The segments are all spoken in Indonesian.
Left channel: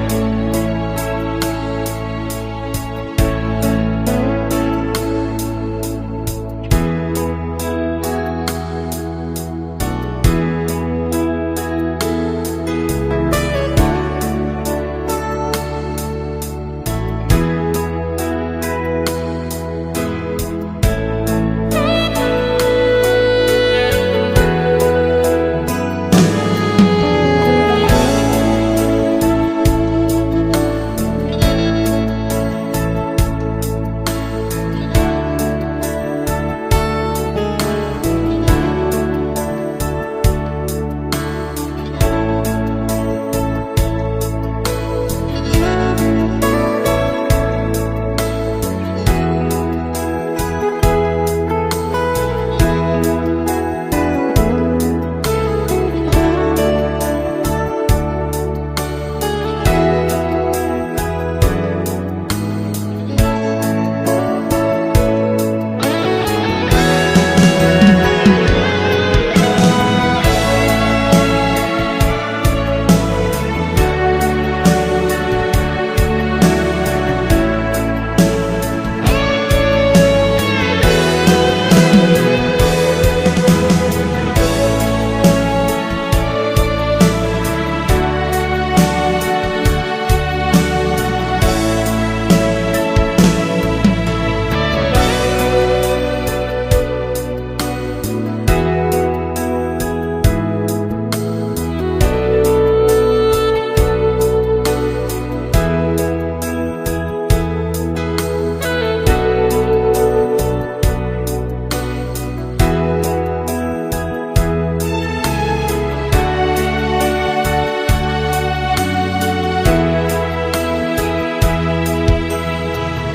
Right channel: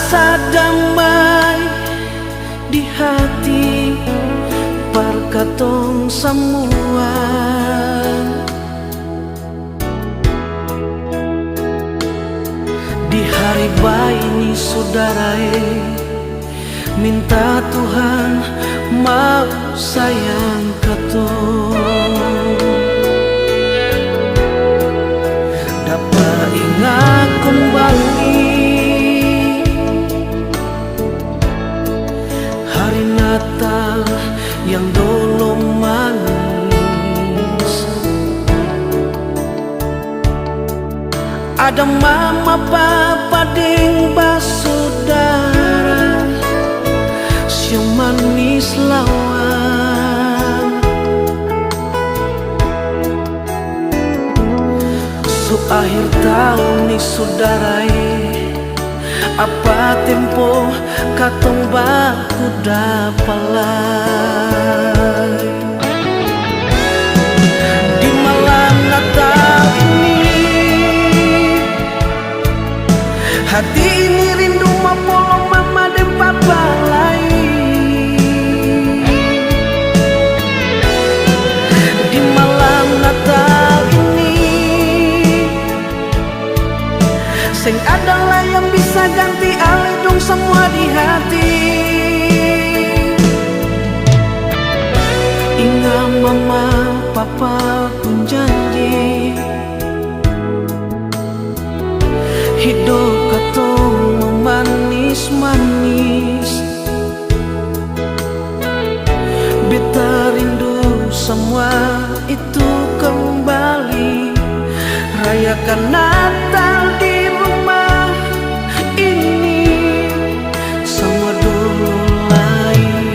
rasa damai di hati perkatong semua. Di hari baik ini saudara, minta Tuhan mau sayang ketua dapat ingat kembali hari Natal yang dulu manis. Ada mama, papa, ding, basudara manis lawan. Su akhir tahun ni saudara, apa tempo katong baku dapalai. Di malam Natal ini hati ini rindu memulung mama dan papa lain. Di malam Natal ini sing adalah yang bisa ganti aledung semua di hati. Ingat mama papa pun janji hidup katong manis-manis. Beta rindu semua itu kembali. Rayakan Natal di rumah ini sama dulu lain.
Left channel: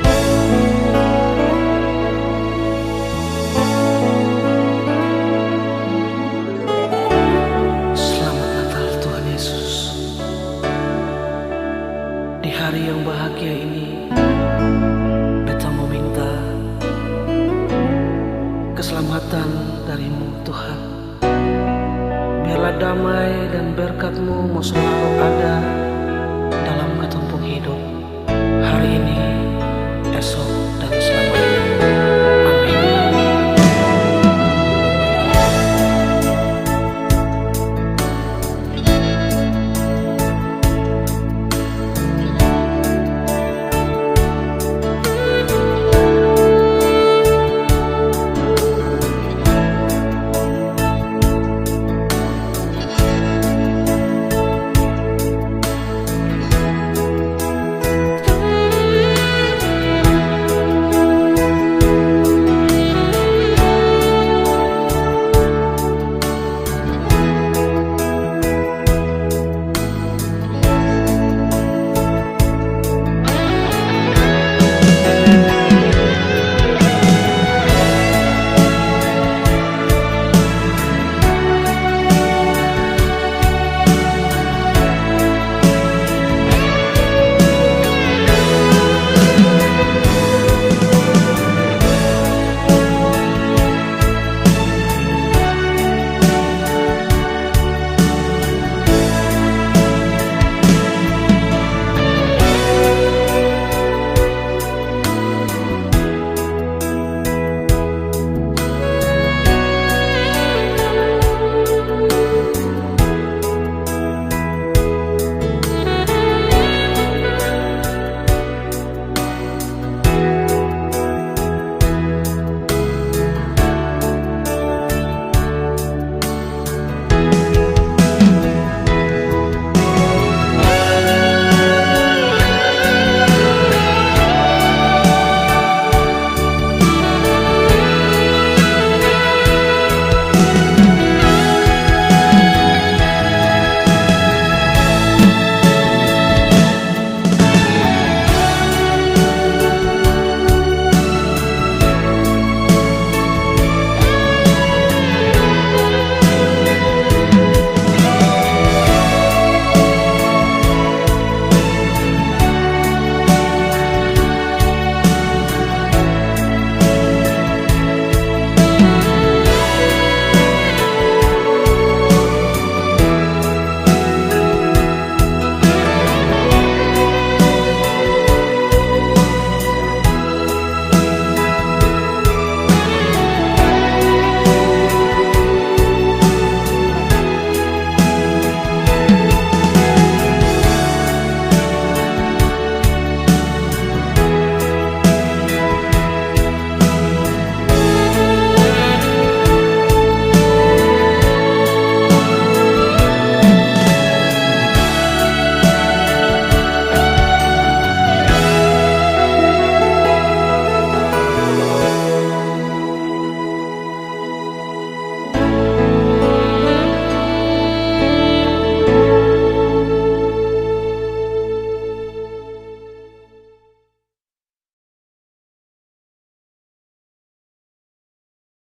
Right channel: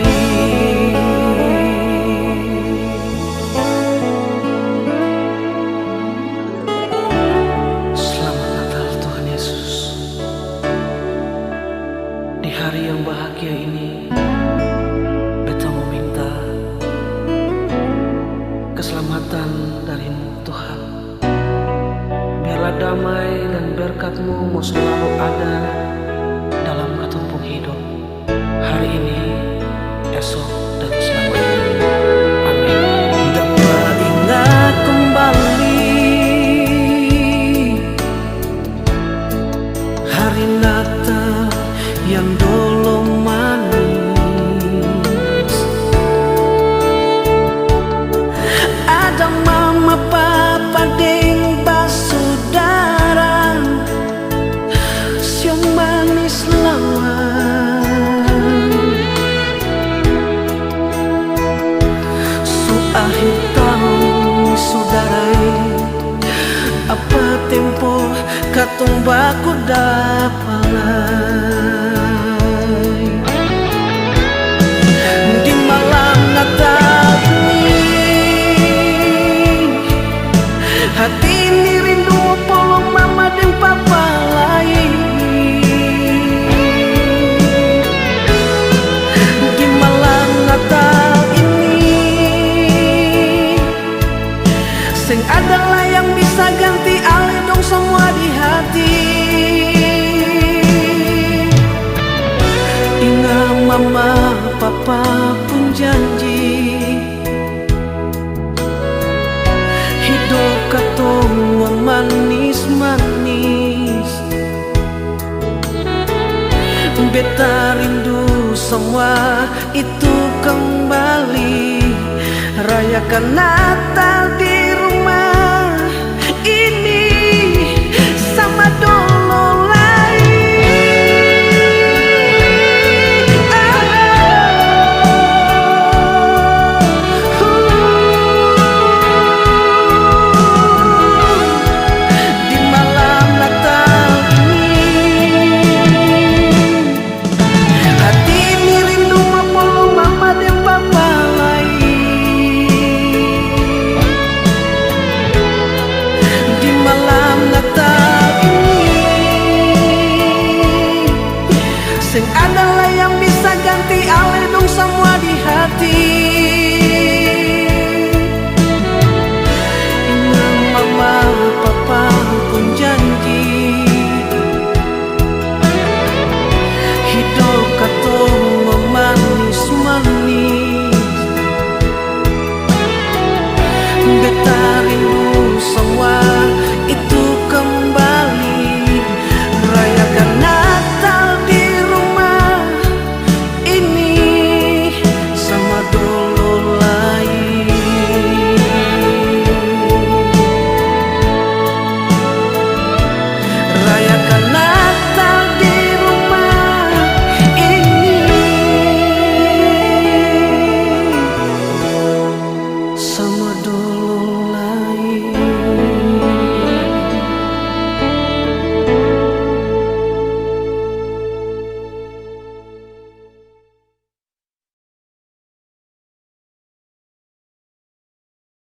Selamat Natal Tuhan Yesus. Di hari yang bahagia ini beta meminta keselamatan darimu Tuhan. Biarlah damai dan berkat-Mu mau selalu ada dalam ketumpung hidup hari ini, esok, dan selamanya.